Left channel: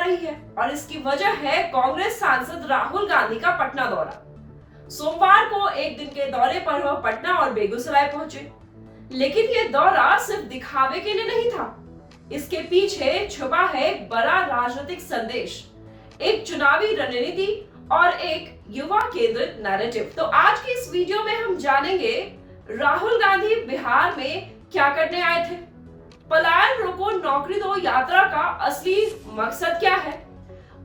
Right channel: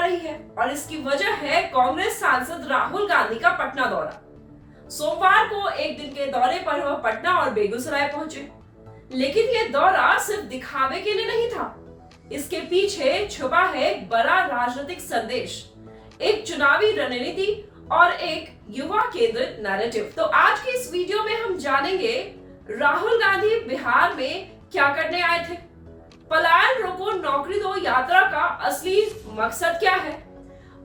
रही है और इसकी वजह है कांग्रेस सांसद राहुल गांधी का पटना दौरा। सोमवार को एक दिन के दौरे पर वह पटना और बेगूसराय पहुंचे, लेकिन यह दौरा सिर्फ दिखावे के लिए नहीं था। इसके पीछे छुपा है एक बड़ा राजनीतिक संदेश, एक चुनावी रणनीति और एक युवा केंद्रित नैरेटिव। तो आज की इस वीडियो में हम जानेंगे राहुल गांधी बिहार में क्या करने आए थे, पलायन रोको नौकरी दो यात्रा का असली मकसद क्या है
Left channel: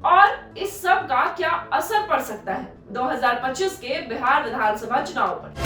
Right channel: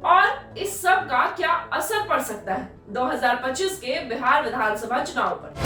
और इस सब का क्या असर पड़ सकता है 2025 के बिहार विधानसभा चुनाव पर।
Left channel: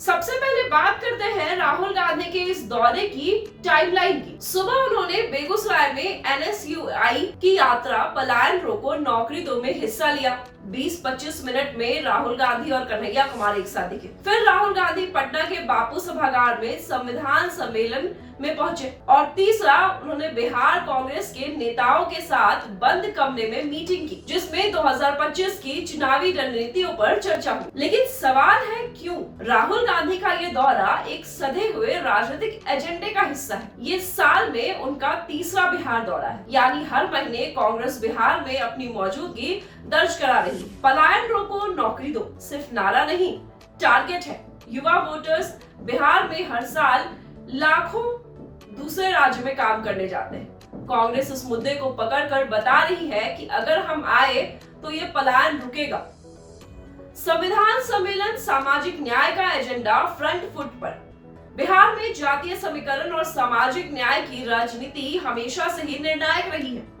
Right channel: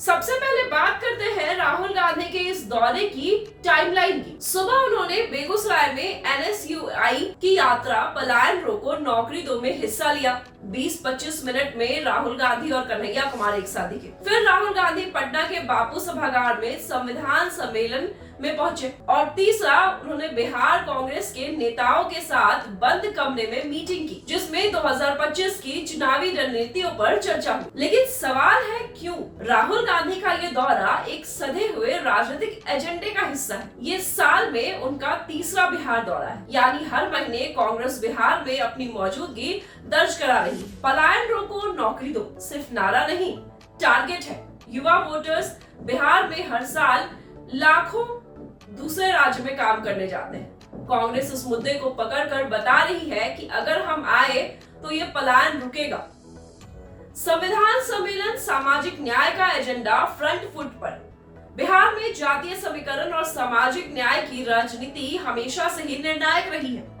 सबसे पहले बात करते हैं राहुल गांधी के इस दौरे की टाइमलाइन की। सुबह उन्होंने बेगूसराय में NSUI की यात्रा पलायन रोको नौकरी दो में हिस्सा लिया। 20-25 मिनट में राहुल गांधी और कन्हैया कुमार एक साथ दिखे। फिर राहुल गांधी पटना के बापू सभागार में संविधान सम्मेलन में पहुंचे और तीसरा उन्होंने बिहार कांग्रेस के नेताओं के साथ बंद कमरे में मीटिंग की, जिसमें 2025 की चुनावी रणनीतियों पर चर्चा हुई। लेकिन सवाल है क्यों राहुल गांधी का ये दौरा एक सधे हुए राजनीतिक एजेंडे का हिस्सा है। ये साल में उनका तीसरा बिहार दौरा है, यानी हर महीने कांग्रेस बिहार में अपनी मौजूदगी दर्ज करा रही है। पलायन रोको नौकरी दो सिर्फ नारा नहीं, टारगेट है। युवा वोटर्स बिहार में हर साल लाखों दूसरे राज्य में काम करने जाते हैं। कांग्रेस इस मुद्दे को पकड़कर बता रही है कि अगर हम आए तो ये पलायन रुकेगा। संविधान सम्मेलन सामाजिक न्याय का एजेंडा फ्रंट फुट पर। बिहार में जातीय समीकरण और सामाजिक न्याय की राजनीति हमेशा से ही निर्णायक रही है।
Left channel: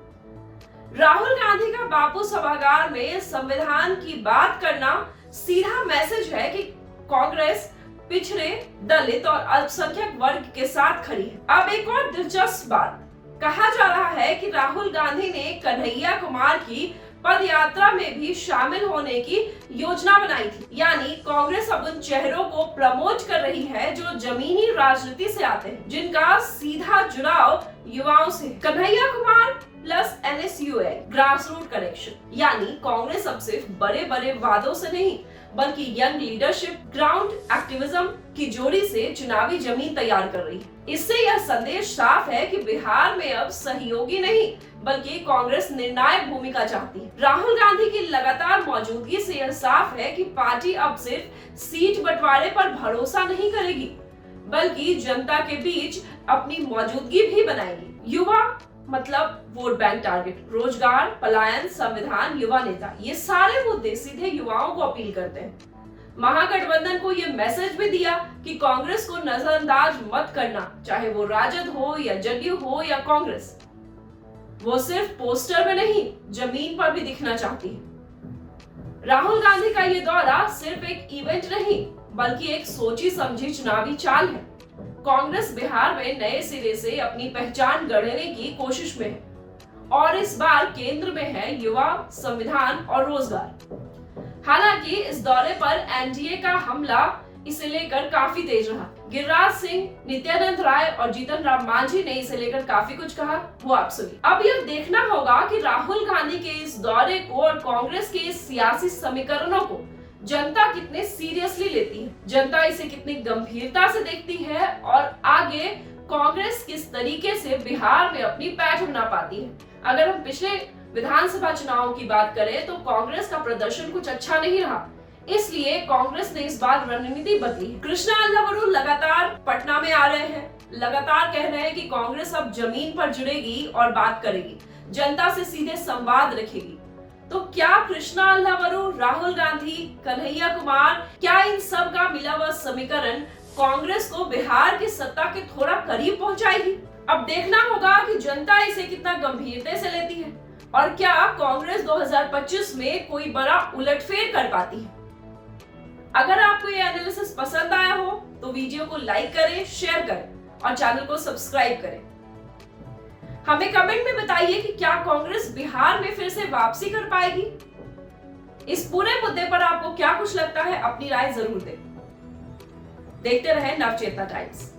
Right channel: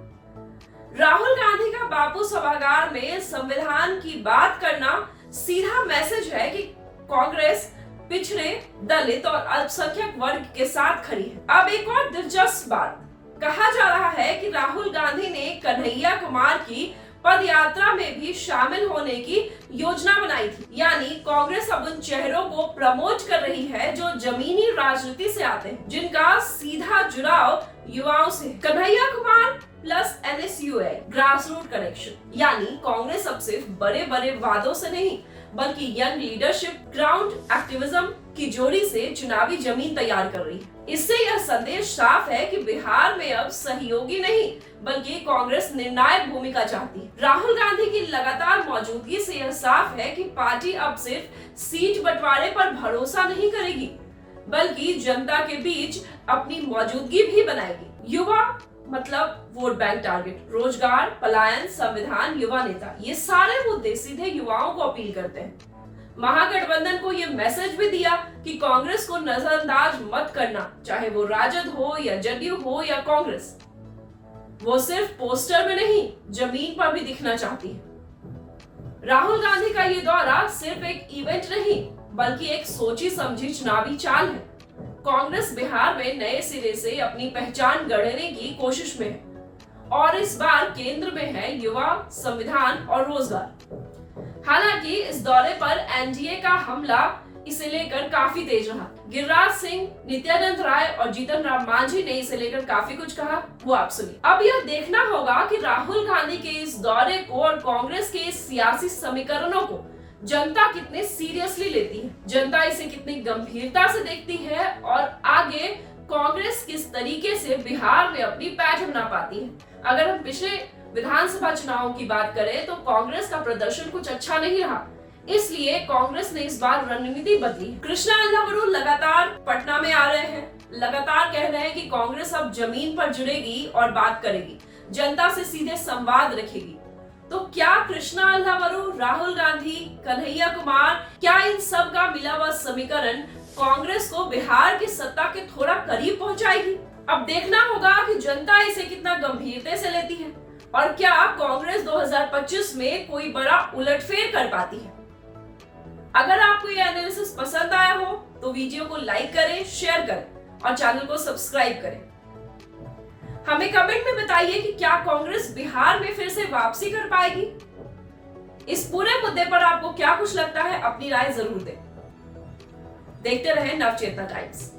राहुल गांधी का बापू सभागार में संविधान की बात करना सीधा मैसेज है कि कांग्रेस पिछड़े, दलित और अल्पसंख्यक वर्ग के साथ खड़ी है। अब एक और दिलचस्प बात, कहा जा रहा है कि राहुल गांधी ने कन्हैया कुमार की पदयात्रा में भी शामिल होने की योजना बनाई थी, यानी कांग्रेस अब उन चेहरों को प्रमोट कर रही है जो जमीनी राजनीति से आते हैं, जिनका सीधा जुड़ाव युवाओं से। Kanhaiya Kumar plus NSUI grass root connection, यानी कांग्रेस अब सिर्फ बड़े बड़े वादों से नहीं बल्कि यंग लीडरशिप, ग्राउंड एक्टिविज्म की जोड़ी से चुनावी जमीन तैयार कर रही है। इससे यह संदेश साफ है कि बिहार में अब सहयोगी नहीं बल्कि कांग्रेस निर्णायक भूमिका चाहती है। राहुल गांधी की लगातार मौजूदगी से यह साफ है कि पार्टी अब सिर्फ सीट बंटवारे पर भरोसा नहीं करेगी बल्कि जनता के बीच अपनी मौजूदगी भी बनाएगी। युवा मतलब वोट बैंक टारगेट, रोजगार, पलायन, संविधान, युवा नेता, ये सारे मुद्दे सीधे युवाओं को अपील करते हैं। महागठबंधन को ये मैसेज भी दिया कि कांग्रेस को नजरअंदाज मत करना, चाहे वो राजद हो या जदयू हो या कांग्रेस। वो सिर्फ पोस्टर में नहीं जमीन पर भी दिखना चाहती है। राहुल गांधी का ये दौरा सिर्फ एक इवेंट नहीं बल्कि एक सोची समझी चुनावी चाल है। कांग्रेस बिहार में नए सिरे से अपनी पहचान गढ़ने की कोशिश में है और इस बार केंद्र में है युवा, संविधान और रोजगार। हालांकि इस दौरे पर एनडीए का हमला इसे लेकर काफी तेज रहा। गिरिराज सिंह, नित्यानंद राय और जीतन राम मांझी ने इसे लेकर काफी कुछ कहा, वो आप सुनिए। अब यह देखना होगा कि राहुल गांधी के इस दौरे को और कांग्रेस के इस सियासी समीकरणों को जनता कितने सीरियसली लेती है, जनता इसे कितनी गंभीरता से देखती है और आगे कांग्रेस किस तरीके से बिहार में अपनी पैठ बना पाती है। अगर हम पिछले विधानसभा चुनावों की बात करें तो कांग्रेस का प्रदर्शन कुछ अच्छा नहीं रहा, इसलिए कांग्रेस ने इस बार रणनीति बदली है। कृष्णा अल्लावरू लगातार पटना में आ रहे हैं, लगातार कह रहे हैं कि कांग्रेस अब जमीन पर जुड़ेगी और बात करेगी, जनता से सीधे संवाद रखेगी। तो क्या कृष्णा अल्लावरू, राहुल गांधी, कन्हैया कुमार, क्या इन सब का मिला हुआ समीकरण कांग्रेस को बिहार की सत्ता के थोड़ा करीब पहुंचाएगी? अब देखना होगा कि जनता इसे कितना गंभीरता से लेती है और क्या कांग्रेस 2025 में कोई बड़ा उलटफेर कर पाती है। अगर आपको ये एनालिसिस पसंद आया हो तो वीडियो को लाइक करें, शेयर करें और चैनल को सब्सक्राइब करें। हमें कमेंट में बताइए कि क्या कांग्रेस बिहार में फिर से वापसी कर पाएगी। इस पूरे मुद्दे पर आपको क्या कुछ लगता है, अपनी राय जरूर दें। देखते रहें नवचेतना टाइम्स।